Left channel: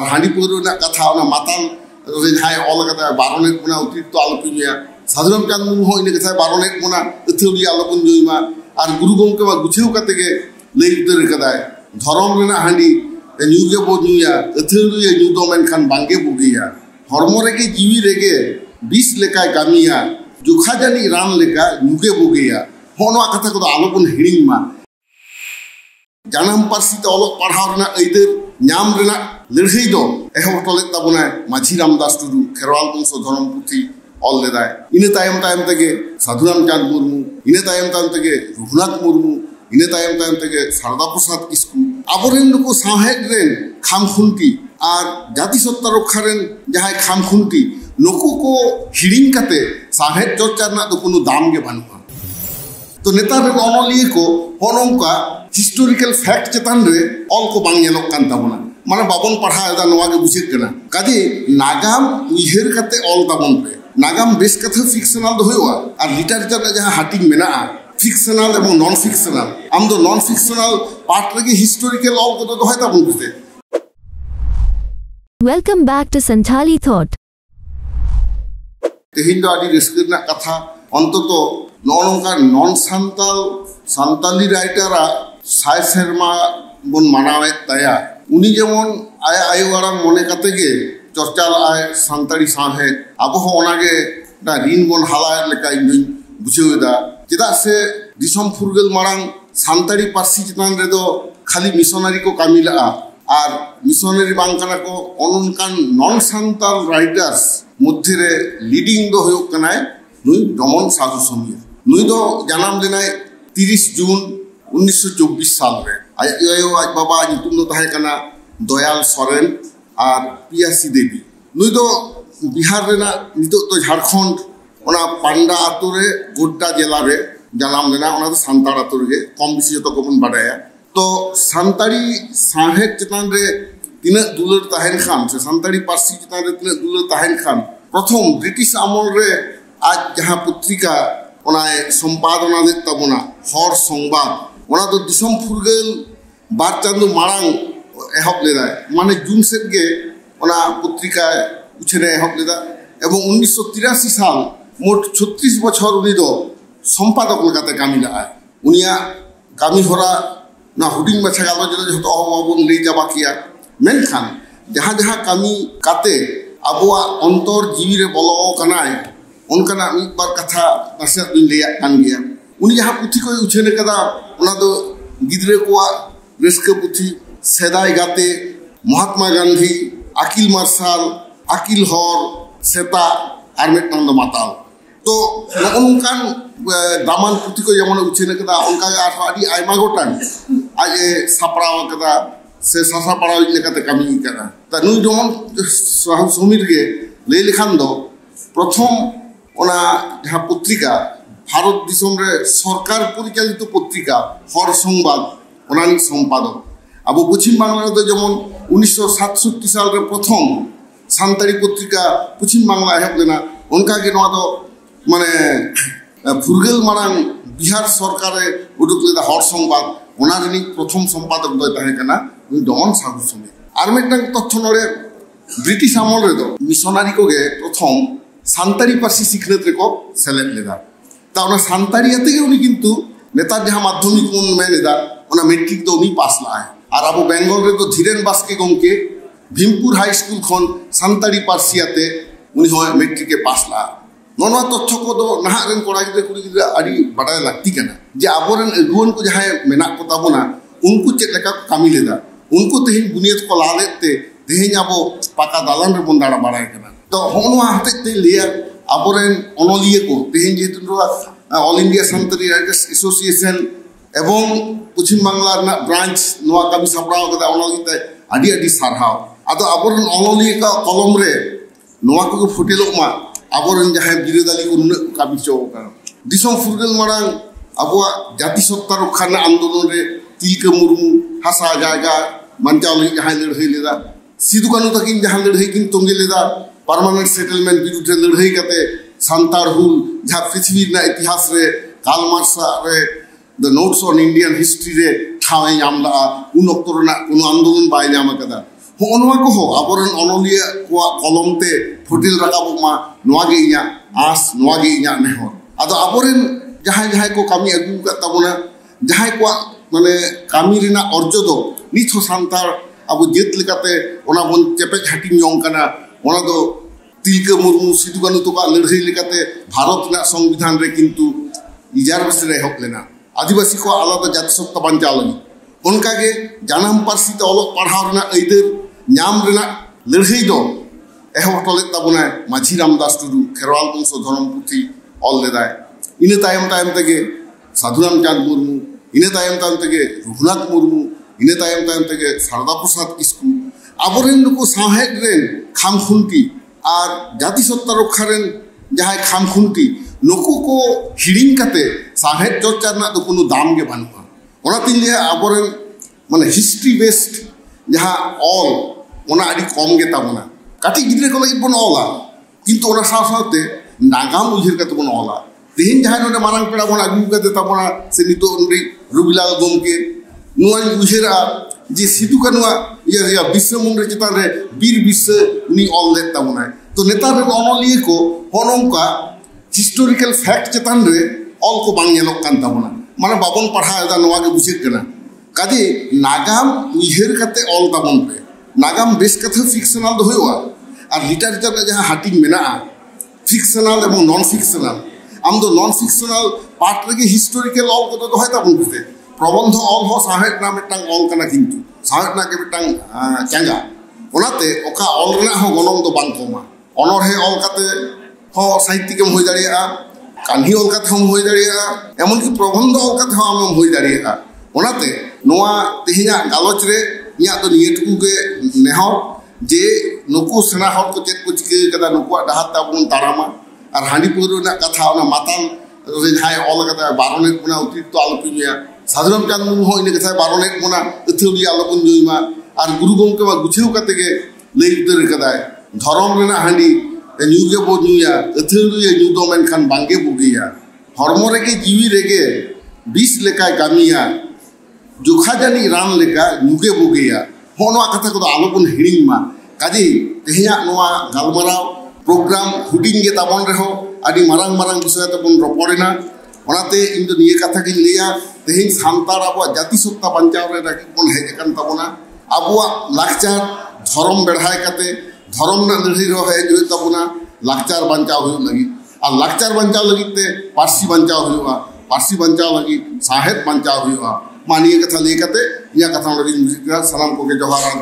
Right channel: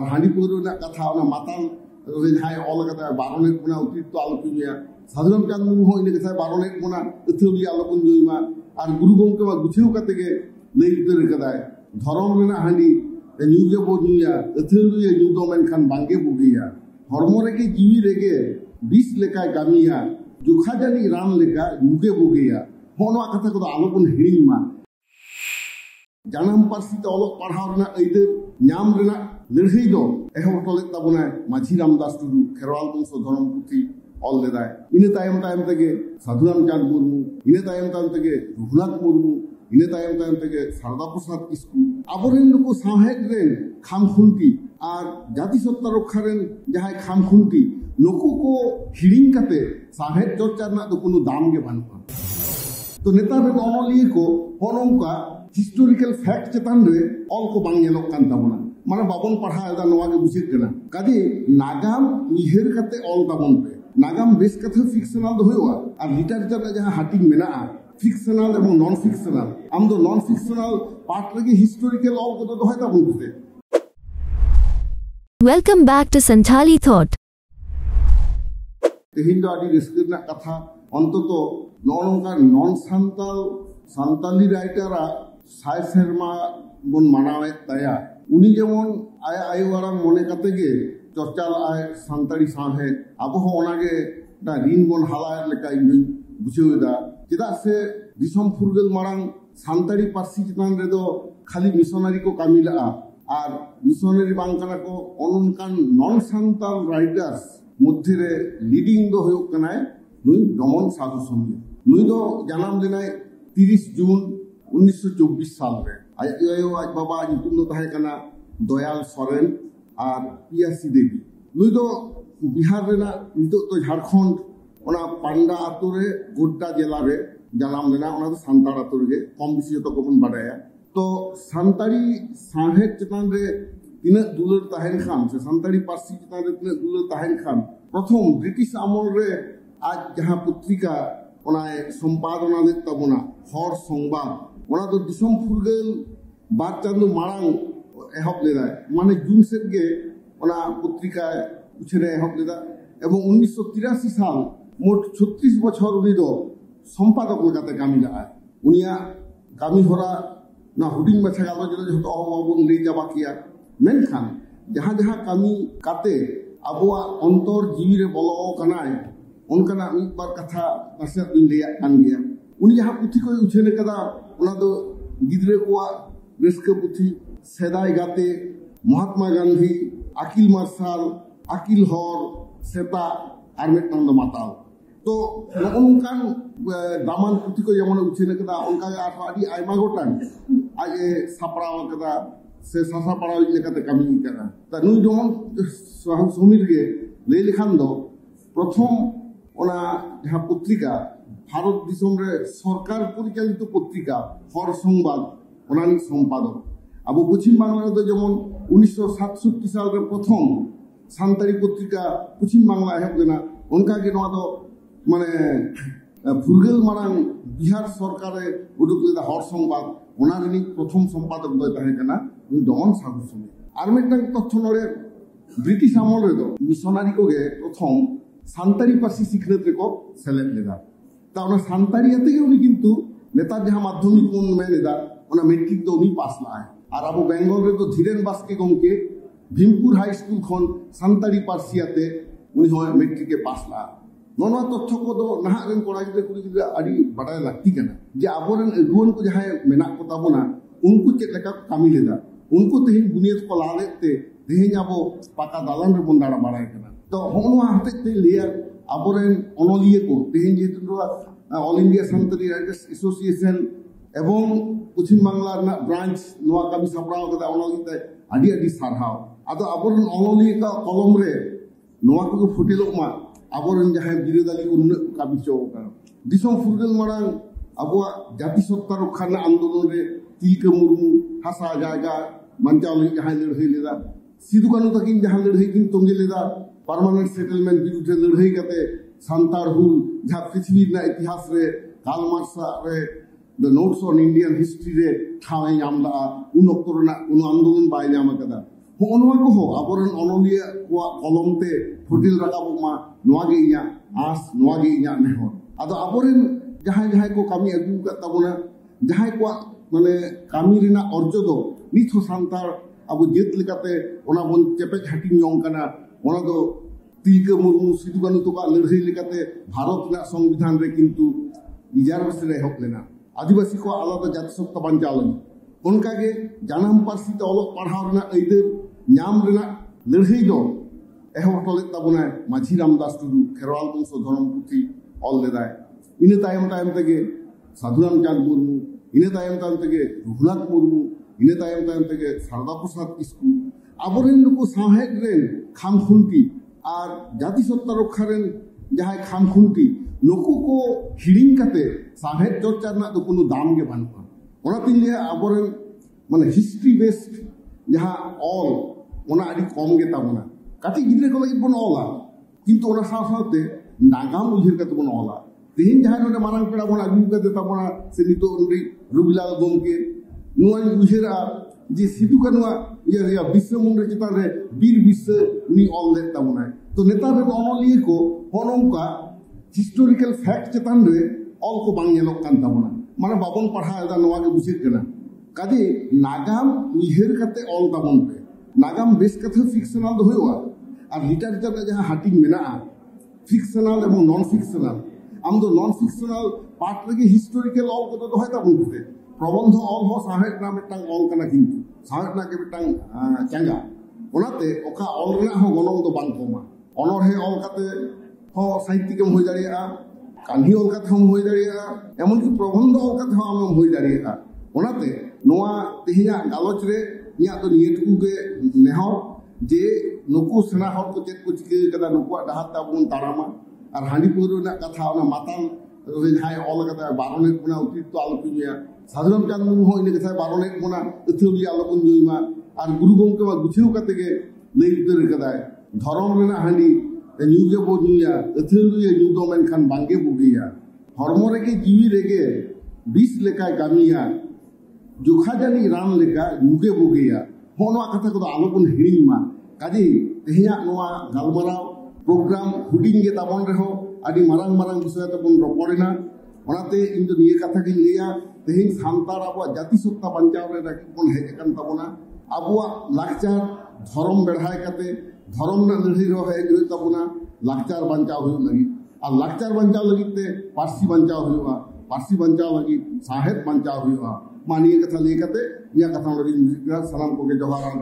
और हांडी पौर कथा माताल जहाँ ऑल बारने अतिरिक्त आलोपना साधुराम चांद मुर्मू इन कथा बारने अथौड़ी आलोपन जुईमा और गुरु गंके मा गुछेव कते के लई उतर कदाय धरम रेना हांडी न्यूगे बो न्यूया अथौड़ी न्यू दो मेनखान बांगे बुगिया हरमो रेगे जीवी रेगे बिस लेकाय कामिया जुखा जानी रान लेका न्यूगे बुगिया होनवा कथा को आलोपन हिड़िंग मा जानम पार्सी ते ऑलोक पढ़ाव रेना अइदर नाम रेना लड़ाई दो एहब टोले ताबुना माझी रामदास टुडू खेरवाल बंश धरम पुथी ऑल लेदाय इन तायम तेगे साधुराम चांद मुर्मू इन तायम तेगे रघुनाथ मुर्मू इन तायम तेगे शारदा प्रसाद किस्कू आबोरेन नुको साहेब रेन खामखुंती और जाति सत्ता रक्षा रेन जहां खामखुंती नुको को हिड़िंग कते साहेब चर्चा ना तो कोनो दाम गे बानुआ तो नेता रे ऑनलिए को होनोंका हिस्टोरिकल फैक्ट चेतान रे ऑल को बांग येलोक कान ताबोना माने बाबन पढ़ा एदा नवा गे बुझे कना काजे नागाम उइहेर कते ऑल ताबन पे नागाम बेस कथा फिक्शनल दो होया और लिटरेचर रे जहां हाटिंग मेना फिक्शनल एवं नॉन फिक्शनल आम दो नॉन फिक्शनल पार्ट रे हिस्टोरिकल ऑल को दो होय ताबन बुझे welcome back to Santhali thought तेहिन दो आदि रिस्कना कथा अंततो नौनका नॉन सान्ताली राइटरा साय सेरमा बन मानावे तया उनी जेमन आया आयुवारा मने कते गे चर्चा आय सान्ताली साहे अब हो ओनागे दा रिन बन हाला लेका इन बुझेदा चेदा से दिसम फुरगल मारांग सान्ताली पार्सी चितान रे दो खाली मिशनरी को कामिला और मिशनरी बांकना को अननकान नॉन सान्ताल राइटर्स मध्य रे लीडिंग दो होयो कनाय नुई दमन साधु समिया नुई दो जन्म लेनाय 30 जून 1924 साल रे आज बाबा नितुम दो ताहे कना दयाल सोरेन और पियासी देवी नुई दो बिहार रेना नितो तो झारखंड ओना पांडा आतु रे गोड्डा जिला रे जन्म लेना ओना तो सान्ताड़ आतु रे कम बेसी जतो को बन बाडाया तो सान्ताड़ी साहेब चितान रे तिना दुलर ताहेन खान से सान्ताड़ी पार्सी चितान रे तिना दुलर ताहेन खान प्रथम ब्रिटिश आमल रे आज जहाँ पत्रिका सम्पादना दे तबना हर संबाद ओना तो दिसम फुरगल बार चांदो मारांग एहब लेदा माने जून सेट गे ओना पत्रिका उछरे एहब लेदा एवं 1983 साल मोट 36 बछर उनी दो सम्पादक लेकाते कामी ला उनिया कामी होरा ना हुडिंग माछा गालो जले जतो अबन ले जाबा किया मेनखान जहाँ जहाँ कामी काते आबुआ अंतर जीवी रे बोलो कनाय उनका एक बार कथा नासे लिया कान गया उनी जहाँ पुथी को उछेने कदा उना दो गिद्रे को रेस्के पुथी सेदाय गाते महात्मा गांधी अकिल मार्शल अकिल हर सेता और मिटनां दो माताल तो उनकान दामान पुथी को जेमन उछेने कदा उनका आडी आयमा गोटान आज सापड़ाव कदा से सासा पड़ाव लेकाते कामी करा ता नुई जेमन समीर गे ले लिखान दो प्रथम ओना जहाँ पत्रिका भारत दिसम रे सरकार परिचालित पत्रिका हर संबाद ओनानी सम्पादक अब पश्चिम बांगला तो जेमन 1967 साल रे प्रथम सान्ताड़ी पत्रिका पश्चिम बांगला एहब लेना उनका के नवा दो माने फुरगल मारांग बिहार सरकार उडुक लेदा हर संबाद ओनानी प्रथम सम्पादक दो ताहे कना दमन साधु समिति आर मेटन तथ्य नरे ब्रिटिश आमल रे दो मिशनरी को गे प्रथम सान्ताड़ी पार्सी सिखनेत रे को सेलेक्ट लेदा ता ओना सान्ताड़ी आते गे उनी किंतु नेतार जहाँ माध्यमिक मन में लेदा ओना मैट्रिक तो उनी पास लाए और अब बेंगल रे तो धीरेन बास्के गमके भीमपुर हाई स्कूल खन सान्ताड़ी पार्सी आते उनी होय मैट्रिक के पास ला नोनवा तथ्य को दो नहा रेन कोड़ा गिद्रा कुड़ी गिद्रा आडी बाडाय लागती कना जे आबोरेन अगुवन को जहाँ मेना को ताबोना उनको चेक लेका कामी लेदा उनको तेहिन बुनियाद को लालेते तेहिन आबो पाका दालान रे बंदाड़ा बाडाय कना तो होनवा हते लिया आबोरेन अनलिए को तेहिन जेतु ऑल इंडिया सान्ताड़ी राइटर्स एसोसिएशन एवं पश्चिम बांगला ब्रांच नवा कामी सापड़ाव कदा अनलिते आडी आडी सारहाव आदो आबोरेन अनलिए का कलम रे नवा को फुटेलो मा आबोरेन जहाँ बिरोधाली को नुन कामी चो का दिसम फुरगल मारांग आबोआ जाति सत्ता रक्षा आंदोलन रे तिलका मुर्मू हासा जायगा मानचाव जहाँ लड़ाई लेदा सिदु कानू तकिन जहाँ लड़ाई किन तोंगे लेदा परमानेंट सेटलमेंट विरुद्ध लड़ाई कते सान्ताड़ हुल जहाँ पृथ्वी ना इतिहास रे कार्ल मार्क्स रे the notes on Indian history रे ठावे नाम ला उन अक्तर ना उन आंदोलन बाय नाम कदा होनवा को हो आबोरन ओनोलिया को कलम ते फुटिल रकाबो मा नोआ गे इया आस नोआ गे इया नेहर आदो आबोरन जहां जहां को कामी अगु का तबोना जहां को माने कामी रिना अर्जो दो निथ सांतार अब जेत लेकाते ओना बन चेपे हाटिंग यong kana ओना दो तिलका मुर्मू सिदु कानु तो का लड़ाई लेकाते भारत ना संविधान रे किंतु रिजर्वेशन रे हक लेना आदिवासी को आलादा जाति सत्ता बांचा लगी उनका के जानम पारसी ते ओलो पढ़ाव रेना अइदर नाम रेना लड़ाई दो एहो टले तबुना माझी रामदास टुडू खेरवाल वंश धर्म पुथी ऑल लेदाय इने तायम तायम तके साधुराम चांद मुर्मू इने तायम तायम तके रघुनाथ मुर्मू इने तायम तायम तके शारदा प्रसाद किस्कू आबोरेन को साहेब रेन खामखुंटी और जाति सत्ता रक्षा रेन जहां खामखुंटी नुकु को हिड़िंग कते साहेब चर्चा ना तो कोनो दाम के बानुआ ओना तिन लिया आबोरेन माने हिस्ट्री बेस्ड जहां ऑल ओना आदि कम गे ताबोना काटी गिद्रे को लगी बन ऑला किंतु ओना साथे नागाम उहिर कते बन ऑला तेहिन जहां नोने मारंग पेड़ा बन आगु कते ताबोना से नितो उनरी रुबिलाल गोमके नुआ उहिरा जे सिदु कानुआ या विश्व मुंडे चितान रे वीर विश्व उनी ऑल ले ताबोना तो नेता रे ओनोलिए को होनोंका हिस्टोरिकल फैक्ट चितान रे ऑल को बांग येलो कान ताबोना माने बाबन पढ़ा दा नोआ के बुझे कना काजे नागाम उहिर कते ऑल ताबोन पे नागाम बेस कथे फिक्शनल दो होआ और लिटरेचर रे जहां हाटिंग मेना फिक्शनल एवं नॉन फिक्शनल आम दो नॉन फिक्शनल पार्ट रे हिस्टोरिकल ऑल को तो होय ताबोन पे प्रबंध ऑल हो साहेब ना मिटांग ऑल कना किंतु साहेब ना के मिटांग चांगा ओनाते ओका ऑल रे हो गनम दो बांग कोमा ऑनर है ऑल काते हो साहित्य के होय दाड़िया कान्ही ऑल काते हम होय दाड़िया एमन की प्रबंध ऑल काते हम होय दाड़िया ओनाते नोआ तेहिया गालोच रे इया तो नियटकू के नेहर जे नुकु सेना हर को चेक को चिके कदा नुकु डाहाता बुन तारामा और हांडी पुरो ना कथा ना माताल रे जाय ऑल कदा बारोनेट बुना अतिरिक्त आलोपिया साधुराम चांद मुर्मू हो इने कथा बारोनेट बुना अथुरी आलोपन जोइमा और गुरु गोमके मा गुछेउ कते के लई उतर कदाय धरम रेना हांडी न्यूगे बो न्यूया अथुरी न्यू दो मेन खान बांगे बुगिया हरमो रे के जीवी रेगे 20 लेका कामिया जोखा जानी रान लेका न्यूगे बुगिया होनवा कथा को आलोपन हिडिंग मा काजी तेहिया नोआ गालमाराव प्रोग्राम हुडिंग गे ताबन रे हो आदि मारंग मारंग विषय तबन रपड़ेना ओनाते इन दो निये कथा के लिया तेहिन सांतार आबो जाति सत्ता बंचाव रे राखी बन हेज कन ताबोना आबो लाकचार धर्म बेढ़ाय कते धर्म ना लड़ी रो हेज होय ताबोना लाकचार बंचाव होय लगी और लाकचार बंचाव लगी ते पारसी बंचाव होयवा पारसी बंचाव लगी साहेब बंचाव होयवा मानिए कथा ले कते या कथा लड़ी सलाम को के जोहार